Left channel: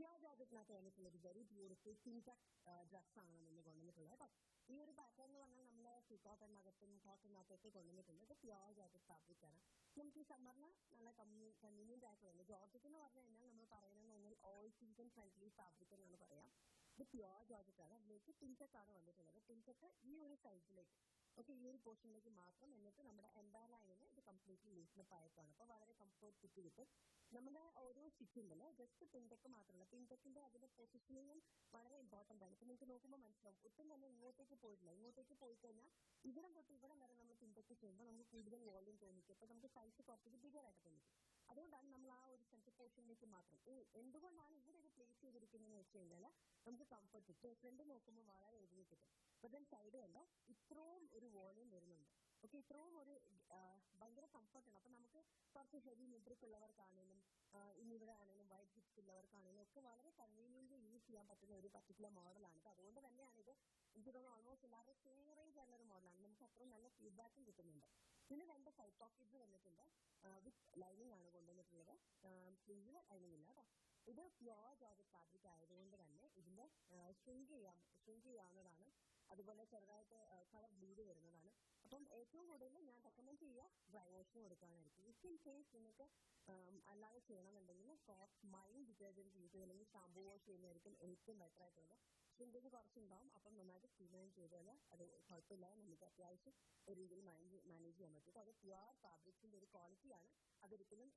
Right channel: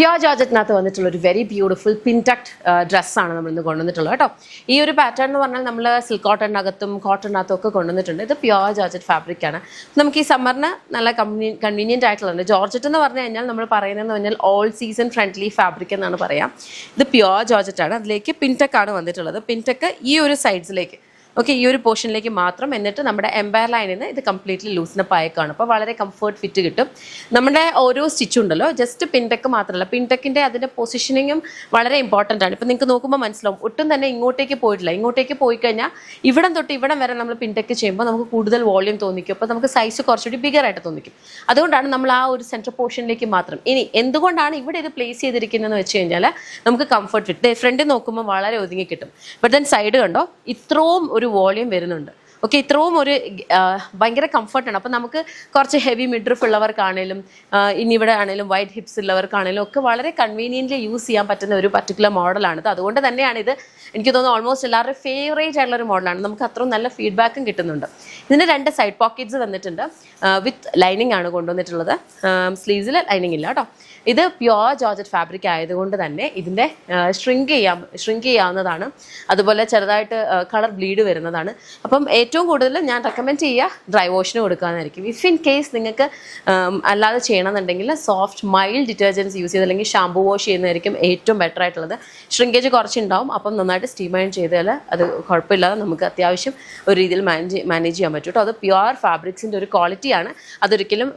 Pure ജോർജറ്റിനകത്ത് വന്നിട്ടുള്ള ഒരു very beautiful പിൻടക്ട് ഡ്രസ്സാണ് നമ്മൾ ഇന്ന് കൊണ്ടുവന്നിട്ടുള്ളത് കേട്ടോ. ഈ ഒരു പാറ്റേൺ എന്ന് പറഞ്ഞാൽ നമ്മൾ സിൽക്ക് കോട്ടണിനകത്തും കോട്ടണിനകത്തും ഒക്കെ കൊണ്ടുവന്നിട്ടുണ്ട്. ഇത് പ്യോർ ജോർജറ്റ് ഫാബ്രിക് ആണ്. നമുക്ക് ഈ സമ്മറിന് നല്ല കൺവീനിയൻ്റ് ആയിട്ടുള്ളത്. ജോർജറ്റ് എന്ന് പറഞ്ഞു കഴിഞ്ഞാൽ നമ്മൾ പറയുന്നതെന്ന് പറഞ്ഞാൽ ഓൾ സീസൺ ഫ്രണ്ട്ലി ഫാബ്രിക് എന്നാണ് പറയാം. ഇത് പ്യോർ ജോർജറ്റ് ആണ്. അതിലേക്ക് പിൻടക്ക് ആണ് വന്നിട്ടുള്ളത്. പിൻടക്ക് ഈ ഒരു സൈഡ്സിലേക്ക് ഓക്കെ, ഈ ഒരു പോർഷനിലേക്ക് മാത്രം. എന്നിട്ട് നമ്മുടെ എംപയർ ലൈനിൽ നിന്ന് ഇത് കംപ്ലീറ്റ്ലി ലൂസിനപ്പ് ആയേക്കാണ്. അപ്പോൾ വളരെ കംഫർട്ട് ഫിറ്റ് കിട്ടും. നമ്മുടെ ഓരോ സ്റ്റിച്ചുണ്ടല്ലോ ജസ്റ്റ് പിൻടെക്ക് മാത്രമല്ല, പിൻടെക്കിൻ്റെ അതിൻ്റെ പൊസിഷനിങ്ങും വളരെ ഇമ്പോർട്ടൻ്റ് ആണ്. ഇപ്പോൾ നിങ്ങൾക്ക് നോക്കുമ്പോൾ മനസ്സിലാവും, ഒട്ടും തന്നെ ഇങ്ങോട്ടേക്ക് പോയിട്ടില്ല. ഇങ്ങോട്ടേക്ക് പോയി കഴിഞ്ഞാൽ ഇവിടം തൊട്ട് ഇവിടം വരെ നമ്മൾ പിൻടെക്ക് ചെയ്യുമ്പോൾ നമുക്ക് കൂടുതൽ വോളിയം തോന്നിക്കും. അപ്പോൾ നമുക്ക് സൈസ് കുറച്ചുകൂടി ബിഗർ ആയിട്ട് തോന്നിക്കും. അതുകൊണ്ടാണ് നമ്മൾ ആ ഒരു സെൻട്രൽ പോർഷനിലേക്ക് മാത്രം. ഇനി എന്തുകൊണ്ടാണ് ഇവിടെ ഇത് പ്ലേസ് ചെയ്തിരിക്കുന്നതെന്ന് വെച്ച് കഴിഞ്ഞാൽ നമുക്ക് കംഫർട്ട് ഫിറ്റ് ഫ്രണ്ടിൽ നോക്കുമ്പോൾ വളരെ ഒതുങ്ങി കിട്ടും. ബട്ട് ദെൻ സൈഡ് കണ്ടോ, ഇത്രയും ഒരു വോളിയം വരുന്നുണ്ട്. ഓക്കെ, ഇത്രയും ഒരു ഭയങ്കര കംഫർട്ടാണ്. അപ്പം നമുക്ക് കുറച്ച് ഹെവി മിഡ്രിഫ് ഉള്ളവർക്കാണേലും ഇനി ഇവിടെ ആണെങ്കിലും വൈഡ് ഹിപ്സ് ഉള്ളവർക്കാണേലും ഒക്കെ വളരെ കൺവീനിയൻ്റ്ലി യൂസ് ചെയ്യാൻ പറ്റുന്ന ഒരു പർട്ടിക്കുലർ മോഡലാണിത്. അതുകൊണ്ട് തന്നെയാണ് ഇത് എനിക്ക് തോന്നുന്നു ഓൾമോസ്റ്റ് എല്ലാവരുടെയും ഫേവറേറ്റ് ആയിട്ടുള്ളൊരു മോഡലാണ്. നമുക്ക് അത്രയും നല്ല ഫീഡ്ബാക്കും കിട്ടുന്നുണ്ട്. ഇതിൻ്റെ 2 സൈഡ് പോക്കറ്റ്സ് വന്നിട്ടുണ്ട്. വിത്ത് ലൈനിങ് ആണ് കൊണ്ടുവന്നിട്ടുള്ളത്. സ്ലീവ്സിൽ ലൈനിങ് ഇല്ല കേട്ടോ. ഇത് പ്യോർ ജോർജറ്റ് ഫാബ്രിക് ആയതുകൊണ്ട് തന്നെ ഇതിൻ്റെ ഷ്രിങ്ക് ചെയ്യാവുന്നതാണ്. അതുപോലെ ചെറുതായിട്ട് കളർ ബ്ലീഡ് വരുന്നതാണ്. അപ്പം ഏറ്റവും കൂടുതൽ ഞാൻ റെക്കമെൻഡ് ചെയ്യുക ഡ്രൈ വാഷിന് കൊടുക്കാമെന്നായിരിക്കും. ഇഫ് ഇൻ കേസ് നിങ്ങൾക്ക് അല്ലാതെ ചെയ്യണമെന്നുണ്ടെങ്കിൽ സോഫ്റ്റ് മൈൽഡ് ഡിറ്റർജൻസ് യൂസ് ചെയ്ത് അല്ലെങ്കിൽ ഷാമ്പൂ വാഷ് ചെയ്യുന്നതായിരിക്കും ഏറ്റവും ബെറ്റർ ആയിട്ടുള്ളത്. ഷ്രിങ്കേജ് കുറച്ചുണ്ടാവും. അപ്പം നന്നായിട്ട് സ്റ്റീം അയൺ ചെയ്താൽ അത് കുഴപ്പമില്ലാതെ നമുക്ക് അത്യാവശ്യം ഒരു രീതിയിൽ മാനേജ് ചെയ്യാൻ പറ്റും കേട്ടോ. അത് പ്യുവർ ഫാബ്രിക്സിൻ്റെ ഒരു ക്വാളിറ്റിയാണ്. അതൊരിക്കലും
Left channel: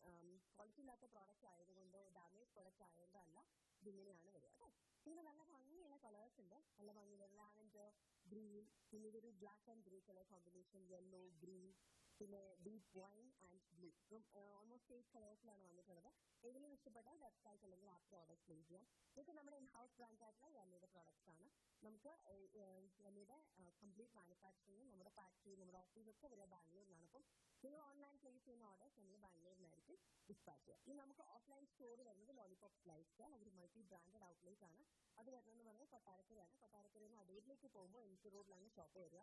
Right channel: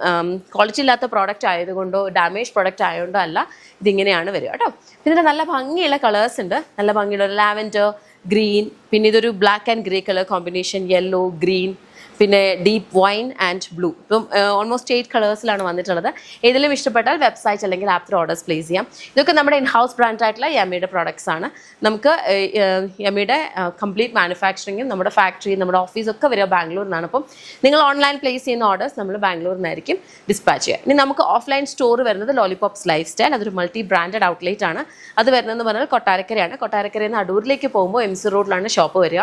ക്വാളിറ്റി ഇല്ലാത്ത പ്രോഡക്റ്റ് ആയതുകൊണ്ടോ ഡാമേജ് പ്രോഡക്റ്റ് ആയതുകൊണ്ടോ അല്ല, ഇതിങ്ങനെയാണ് വരിക കേട്ടോ. പിന്നെ നല്ല ഭംഗിയുള്ള കളേഴ്സ് ഉണ്ട്. നല്ല ഭംഗിയുള്ള ഒരു ലാവൻഡർ, ഗ്രീൻ, പിന്നെ ഇതൊരു black and grey colour combination, yellow, green, പിന്നെ ഡീപ്പ് വൈൻ ആൻഡ് ബ്ലൂ. ഇപ്പം ഓൾമോസ്റ്റ് 8 കളേഴ്സിലാണ് വന്നിട്ടുള്ളത്. ഏതെങ്കിലും ഇഷ്ടപ്പെട്ടാൽ വെബ്സൈറ്റ് അല്ലെങ്കിൽ ആപ്പ് ത്രൂ ഓർഡേഴ്സ് പ്ലേസ് ചെയ്യാം. ഇതൊക്കെ നമ്മുടെ ഇൻ ഹൗസ് ബ്രാൻഡ് ആയിട്ടുള്ള യമ്മിയുടെ പ്രോഡക്ട്സ് ആണ്. നമുക്ക് യമ്മിയുടെ കംപ്ലീറ്റ് മാനുഫാക്ചറിങ്ങും നമ്മുടെ ഫാക്ടറി, നമ്മുടെ ഓഫീസൊക്കെ വരിക ബാംഗ്ലൂരിൽ നിന്നാണ്. അപ്പം നിങ്ങൾ ഓൺലൈൻ പ്ലേസ് ചെയ്യുന്ന ഓർഡേഴ്സ് നമ്മൾ ബാംഗ്ലൂരിൽ നിന്നായിരിക്കും ഡിസ്പാച്ച് ചെയ്യുക. ഇനി നമുക്ക് ഓഫ്ലൈൻ സ്റ്റോർ വരുന്നത് ലോലിപോപ്സ് ലൈഫ് സ്റ്റൈൽ. അതൊരു മൾട്ടി ബ്രാൻഡഡ് ഔട്ട്ലെറ്റ് ആണ്. അത് വരുന്നതെന്ന് പറഞ്ഞാൽ കൊട്ടാരക്കരയാണ്. കൊട്ടാരക്കരയിൽ നിന്ന് അടൂരിലേക്ക് പോകുമ്പോൾ MC റോഡിലാണ് ഷോപ്പ് വരിക.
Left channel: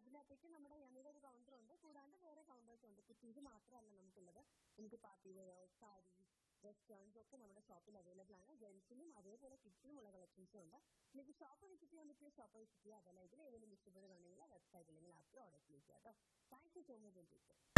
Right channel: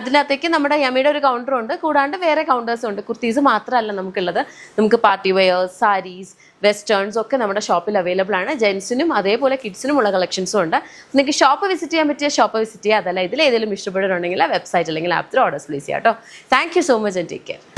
അതിനകത്തേക്ക് നമ്മുടെ യമ്മിയുടെ ഒരു കൗണ്ടറുണ്ട്. കൂടാണ്ട് വേറെ കൗണ്ടേഴ്സ് ഉണ്ട്. കുർത്തീസ് മാത്രമല്ല നമുക്കുള്ളത്. നമുക്ക് പാർട്ടി വെയേഴ്സ്, സാരീസ്, വെസ്റ്റേൺസ് ഒക്കെ നമ്മുടെ ഷോപ്പിൽ അവൈലബിൾ ആണ്. ജെൻസിനും അതേപോലെ കിഡ്സിനും ഉള്ള കളക്ഷൻസും ഉണ്ട്. നിങ്ങൾക്ക് ഷോപ്പ് വിസിറ്റ് ചെയ്യാൻ പറ്റിയ ഷോപ്പ് വിസിറ്റ് ചെയ്യുക. അതല്ല ഇതിൽ ഏതെങ്കിലും ഇഷ്ടപ്പെടുന്നുണ്ടെങ്കിൽ വെബ്സൈറ്റ് അല്ലെങ്കിൽ ആപ്പ് ത്രൂ ഓർഡേഴ്സ് പ്ലേസ് ചെയ്യാം കേട്ടോ. Thank you so much and take care.